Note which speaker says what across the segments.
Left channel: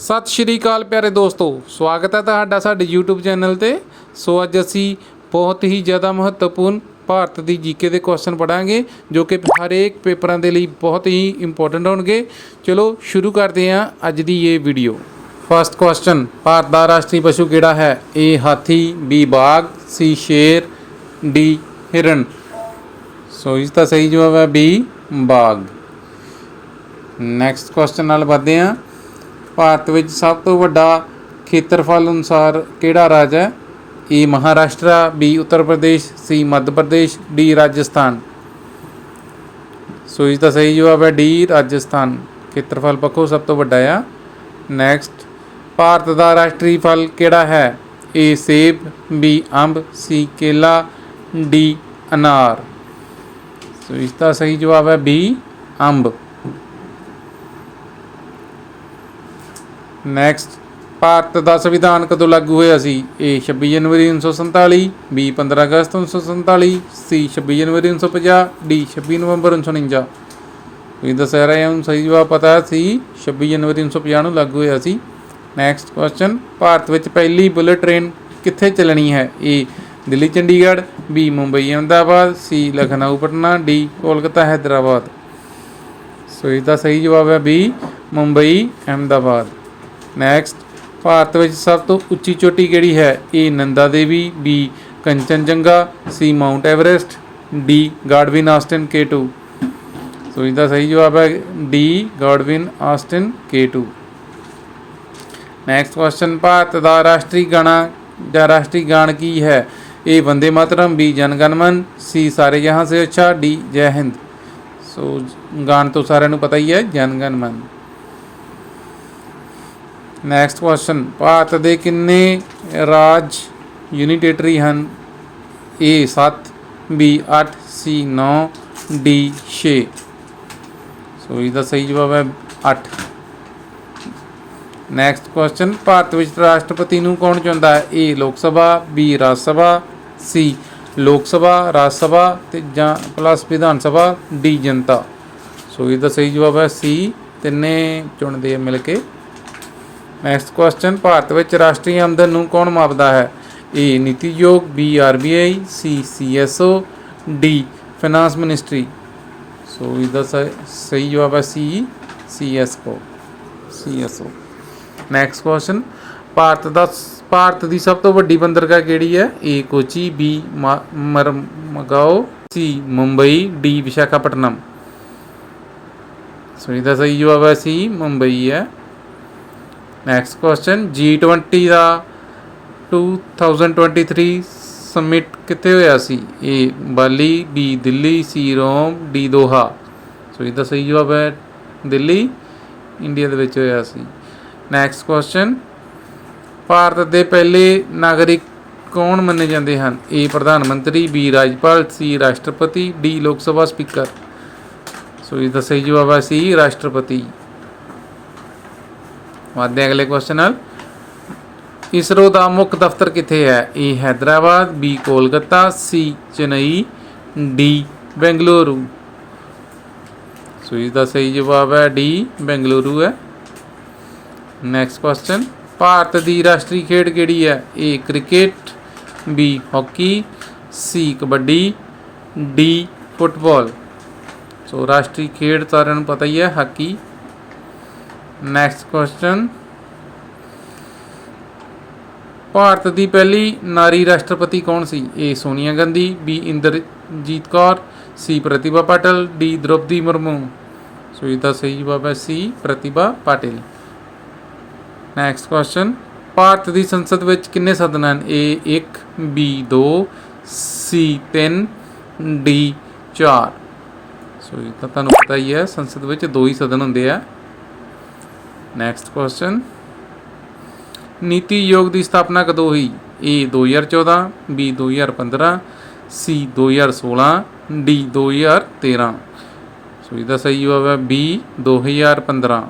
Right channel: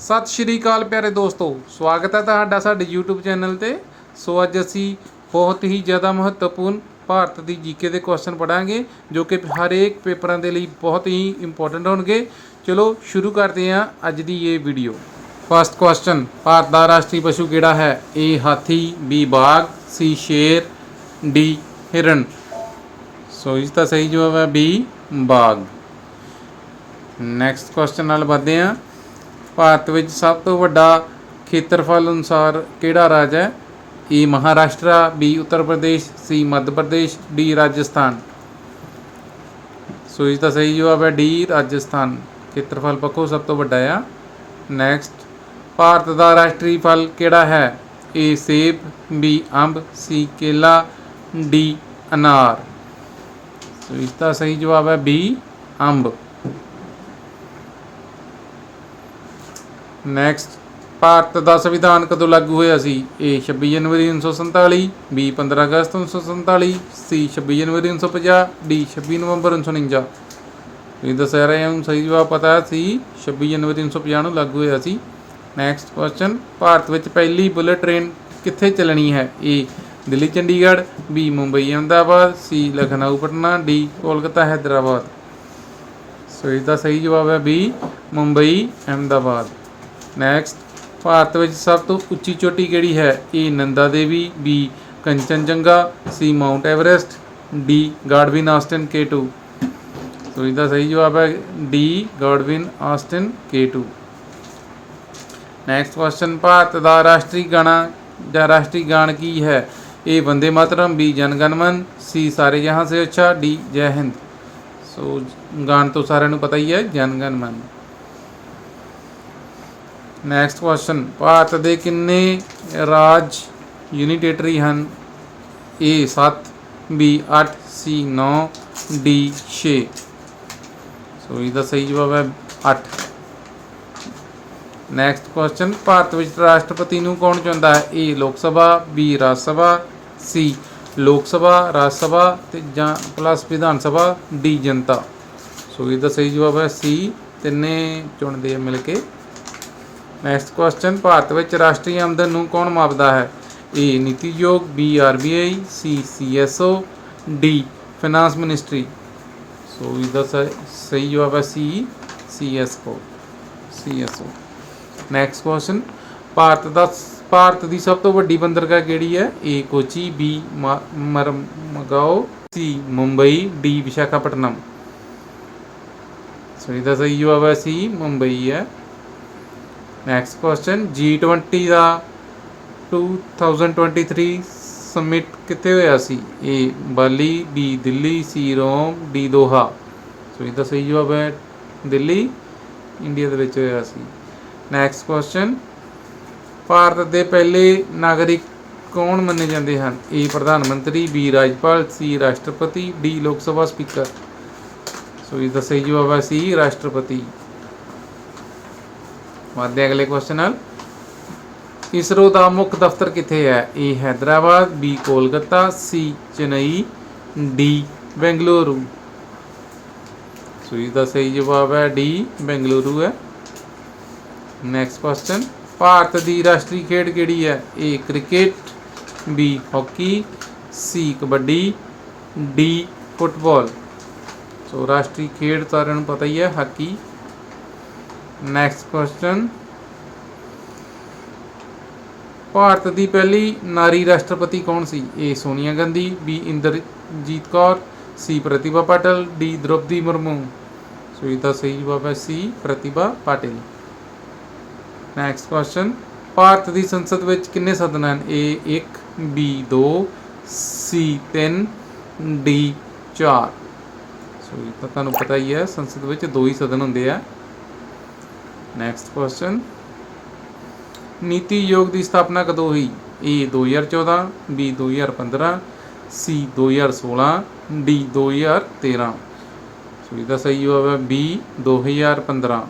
Speaker 1: ਸਤਿ ਸ਼੍ਰੀ ਅਕਾਲ ਪਿਆਰੇ ਦੋਸਤੋ, ਸਵਾਗਤ ਹੈ ਤੁਹਾਡਾ ਸਾਡੇ YouTube ਚੈਨਲ ਤੇ। ਸੋ ਅੱਜ ਅਸੀਂ ਬਹੁਤ ਹੀ ਜ਼ਿਆਦਾ ਮਹੱਤਵਪੂਰਨ ਭਾਰਤ ਦੀ ਜੀਕੇ ਦੇ ਕੁਐਸਚਨ ਪੜਾਂਗੇ ਜੋ ਕਿ ਹਰੇਕ ਪੇਪਰਾਂ ਦੇ ਲਈ ਬਹੁਤ ਹੀ ਇੰਪੋਰਟੈਂਟ ਹੋਣਗੇ। ਚਲੋ ਸ਼ੁਰੂ ਕਰਦੇ ਹਾਂ ਅੱਜ ਦੀ ਇਹ ਵੀਡੀਓ ਫਸਟ ਕੁਐਸਚਨ ਭਾਰਤ ਦਾ ਰਾਸ਼ਟਰੀ ਪਸ਼ੂ ਕਿਹੜਾ ਹੈ? ਏ ਹਾਥੀ ਬੀ ਬਾਗ ਸੀ ਸ਼ੇਰ ਡੀ ਹਿਰਨ। ਸੋ ਇਸ ਦਾ ਸਹੀ ਜਵਾਬ ਹੈ ਬੀ ਬਾਗ। ਨੈਕਸਟ ਕੁਐਸਚਨ ਨਾਲ ਵਧਦੇ ਹਾਂ। ਭਾਰਤ ਵਿੱਚ ਸਭ ਤੋਂ ਵੱਡਾ ਖੇਤਰਫਲ ਅਨੁਸਾਰ ਕਿਹੜਾ ਰਾਜ ਹੈ? A Maharashtra, B Uttar Pradesh, C Madhya Pradesh, D Rajasthan. ਸੋ ਇਸ ਦਾ ਸਹੀ ਜਵਾਬ ਹੈ ਡੀ ਰਾਜਸਥਾਨ। ਖੇਤਰਫਲ ਪੱਖੋਂ ਸਭ ਤੋਂ ਵੱਡਾ ਆ। ਨੈਕਸਟ ਭਾਰਤ ਦਾ ਰਾਸ਼ਟਰੀ ਫਲ ਕਿਹੜਾ ਹੈ? ਏ ਸੇਬ, ਬੀ ਅੰਬ, ਸੀ ਕੇਲਾ, ਡੀ ਅਨਾਰ। ਸੋ ਇਸ ਦਾ ਸਹੀ ਜਵਾਬ ਹੈ ਬੀ ਅੰਬ। ਨੈਕਸਟ ਭਾਰਤ ਦਾ ਸੰਵਿਧਾਨ ਕਦੋਂ ਲਾਗੂ ਹੋਇਆ ਸੀ? ਏ 26 ਜਨਵਰੀ 1947 ਬੀ 15 ਅਗਸਤ 1947 ਸੀ 26 ਜਨਵਰੀ 1950 ਡੀ 26 ਨਵੰਬਰ 1949 ਇਹ ਦੱਸਿਆ ਰਿਹਾ ਹਾਂ ਸਹੀ ਜਵਾਬ ਪਤਾ ਸੀ 26 ਜਨਵਰੀ 1950 ਨੂੰ ਲਾਗੂ ਹੋਇਆ ਸੀ। ਨੈਕਸਟ ਕੁਐਸਚਨ ਭਾਰਤ ਵਿੱਚ ਪਹਿਲੀ ਬੁਲੇਟ ਟ੍ਰੇਨ ਕਿੱਥੇ ਚੱਲਣੀ ਹੈ? A Delhi, Chandigarh B Mumbai, Ahmedabad C Lucknow, Patna D Kolkata, Hyderabad. So ਇਸ ਦਾ ਸਹੀ ਜਵਾਬ ਹੈ ਬੀ ਮੁੰਬਈ, ਅਹਿਮਦਾਬਾਦ। ਨੈਕਸਟ ਭਾਰਤ ਵਿੱਚ ਸਭ ਤੋਂ ਉੱਚੀ ਚੋਟੀ ਕਿਹੜੀ ਹੈ? A Nanda Devi B Kangchenjunga C mount Everest D Godwin Austen K2 so ਇਸ ਸਹੀ ਜਵਾਬ ਹੈ D Godwin Austen K2 next question Bharat ਦਾ ਰਾਸ਼ਟਰੀ ਗਾਣਾ ਜਾਂ ਰਾਸ਼ਟਰੀ ਗਾਣ ਕੀ ਹੈ? ਏ ਵੰਦੇ ਮਾਤਰਮ ਬੀ ਜਨ ਗਣ ਮਨ ਸੀ ਸਾਰੇ ਜਹਾਂ ਸੇ ਅੱਛਾ ਡੀ ਜੈ ਹਿੰਦ। ਸੋ ਗਾਣ ਤੋਂ ਸਾਰਿਆਂ ਨੂੰ ਪਤਾ ਹੀ ਹੈ ਜਨ ਗਣ ਮਨ। ਨੈਕਸਟ ਕੁਐਸਚਨ ਭਾਰਤ ਦੇ ਕਿੰਨੇ ਰਾਜ ਯੂਨੀਟੇਟਰੀ ਹਨ? ਏ 7 ਬੀ 8 ਸੀ 9 ਡੀ 6 ਸੋ ਇਹਦਾ ਸਹੀ ਜਵਾਬ ਹੈ 8 ਨੈਕਸਟ ਕੁਐਸਚਨ ਭਾਰਤ ਵਿੱਚ ਰਾਸ਼ਟਰਪਤੀ ਨੂੰ ਕੌਣ ਚੁਣਦਾ ਹੈ? ਏ ਲੋਕ ਸਭਾ ਬੀ ਰਾਜ ਸਭਾ ਸੀ ਲੋਕ ਸਭਾ, ਰਾਜ ਸਭਾ ਤੇ ਜਾਂ ਪਲੱਸ ਵਿਧਾਨ ਸਭਾ ਡੀ ਜਨਤਾ। ਸੋ ਇਹਦਾ ਸਹੀ ਜਵਾਬ ਹੈ ਸੀ ਤਿੰਨੇ ਚੁਣਦੇ ਆ ਮਿਲ ਕੇ। ਨੈਕਸਟ ਕੁਐਸਚਨ ਭਾਰਤ ਵਿੱਚ ਰਾਸ਼ਟਰੀ ਆਮਦਨ ਨੂੰ ਕੌਣ ਮਾਪਦਾ ਹੈ? A NITI Aayog B RBI C CSO D finance ministry so ਇਹਦਾ ਸ- ਸਹੀ ਜਵਾਬ ਹੈ C CSO CSO next question Bharat ਦਾ ਭਾਰਤ ਦੀ ਸਭ ਤੋਂ ਵੱਡੀ ਬੰਦਰਗਾਹ ਕਿਹੜੀ ਹੈ? A Kochi B Marmagao C Mumbai D Visakhapatnam. So ਇਹਦਾ ਸਹੀ ਜਵਾਬ ਹੈ ਸੀ ਮੁੰਬਈ ਹੈ। ਨੈਕਸਟ ਕੁਐਸਚਨ G20 ਦਾ 2023 ਸਮਿਟ ਕਿੱਥੇ ਹੋਇਆ ਸੀ? A Bali B Delhi C Rome D Doha. So ਇਹਦਾ ਸਹੀ ਜਵਾਬ ਹੈ ਦਿੱਲੀ ਇੰਡੀਆ ਦੇ ਵਿੱਚ ਹੋਇਆ ਸੀ। ਨੈਕਸਟ ਕੁਐਸਚਨ ਭਾਰਤ ਦੇ ਪਹਿਲੇ ਨਾਗਰਿਕ ਕੌਣ ਮੰਨੇ ਜਾਂਦੇ ਹਨ? ਏ ਪ੍ਰਧਾਨ ਮੰਤਰੀ ਬੀ ਰਾਜਪਾਲ ਸੀ ਰਾਸ਼ਟਰਪਤੀ ਡੀ ਲੋਕ ਸਭਾ ਸਪੀਕਰ। ਸੋ ਇਹਦਾ ਸਹੀ ਜਵਾਬ ਹੈ ਸੀ ਰਾਸ਼ਟਰਪਤੀ। ਵਧਦੇ ਅਗਲੇ ਕੁਐਸਚਨ ਨਾਲ। ਇਸਰੋ ਦਾ ਮੁੱਖ ਦਫ਼ਤਰ ਕਿੱਥੇ ਹੈ? A Hyderabad B Kolkata C Chennai D Bengaluru. So ਇਸ ਦਾ ਸਹੀ ਜਵਾਬ ਹੈ ਡੀ ਬੈਂਗਲੁਰੂ ਹੈ। ਨੈਕਸਟ ਕੁਐਸਚਨ ਭਾਰਤ ਦੀ ਰਾਸ਼ਟਰੀ ਖੇਡ ਕਿਹੜੀ ਹੈ? A cricket B hockey C kabaddi D football. So ਰਾਸ਼ਟਰੀ ਖੇਡ ਸਾਰਿਆਂ ਨੂੰ ਪਤਾ ਹੀ ਹੈ, ਹਾਕੀ। ਨੈਕਸਟ ਕੁਐਸਚਨ ਭਾਰਤ ਦੀ ਪਹਿਲੀ ਨਾਰੀ ਰਾਸ਼ਟਰਪਤੀ ਕੌਣ ਸੀ? A Sonia Gandhi B Inderjit Kaur C Pratibha Patil D Droupadi Murmu. So ਇਹਦਾ ਸਹੀ ਜਵਾਬ ਹੈ C Pratibha Patil. Next question Bharat ਦੀ ਸੰਸਦ ਵਿੱਚ ਕਿੰਨੇ ਸਦਨ ਹਨ? ਏ 1 ਬੀ 2 ਸੀ 3 ਡੀ 4 ਸੋ ਇਹ ਤਾਂ ਤੁਹਾਨੂੰ ਪਤਾ ਹੀ ਹੈ, ਸੰਸਦ ਵਿੱਚ ਦੋ ਹੀ ਸਦਨ ਹੁੰਦੇ ਆ। ਨੈਕਸਟ ਕੁਐਸਚਨ ਨੀਤੀ ਯੋਗ ਦੀ ਸਥਾਪਨਾ ਕਦੋਂ ਹੋਈ? ਏ 2014 ਬੀ 2015 ਸੀ 2016 ਡੀ 2013 ਸੋ ਇਹਦਾ ਸਹੀ ਜਵਾਬ ਹੈ ਬੀ 2015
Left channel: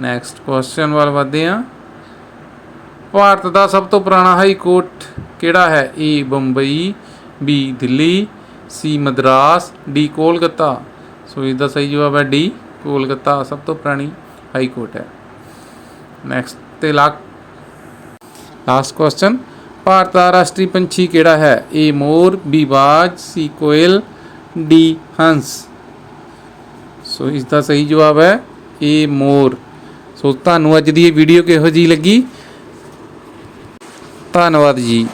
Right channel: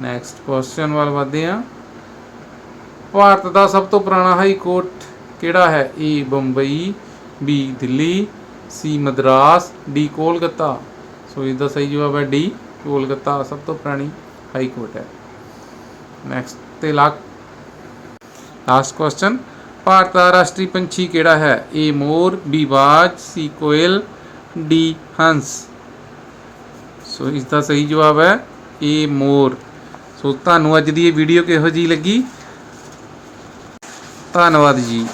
Speaker 1: ਨੈਕਸਟ ਕੁਐਸਚਨ ਵੱਲ ਵਧਦੇ ਹਾਂ। ਭਾਰਤ ਦਾ ਸਭ ਤੋਂ ਪੁਰਾਣਾ ਹਾਈ ਕੋਰਟ ਕਿਹੜਾ ਹੈ? A Bombay B Delhi C Madras D Kolkata. So ਇਸ ਦਾ ਸਹੀ ਜਵਾਬ ਹੈ ਡੀ ਕੋਲਕਾਤਾ, ਸਭ ਤੋਂ ਪੁਰਾਣੀ। ਹਾਈ ਕੋਰਟ ਹੈ ਨੈਕਸਟ ਤੇ ਲਾਸਟ ਕੁਐਸਚਨ ਭਾਰਤ ਦਾ ਰਾਸ਼ਟਰੀ ਪੰਛੀ ਕਿਹੜਾ ਹੈ ਏ ਮੋਰ ਬੀ ਬਾਜ ਸੀ ਕੋਇਲ ਡੀ ਹੰਸ ਸੋ ਇਸ ਦਾ ਸਹੀ ਜਵਾਬ ਹੈ ਏ ਮੋਰ ਸੋ ਤੁਹਾਨੂੰ ਅੱਜ ਦੀ ਇਹ ਵੀਡੀਓ ਕਿਹੋ ਜੀ ਲੱਗੀ? ਧੰਨਵਾਦ ਜੀ।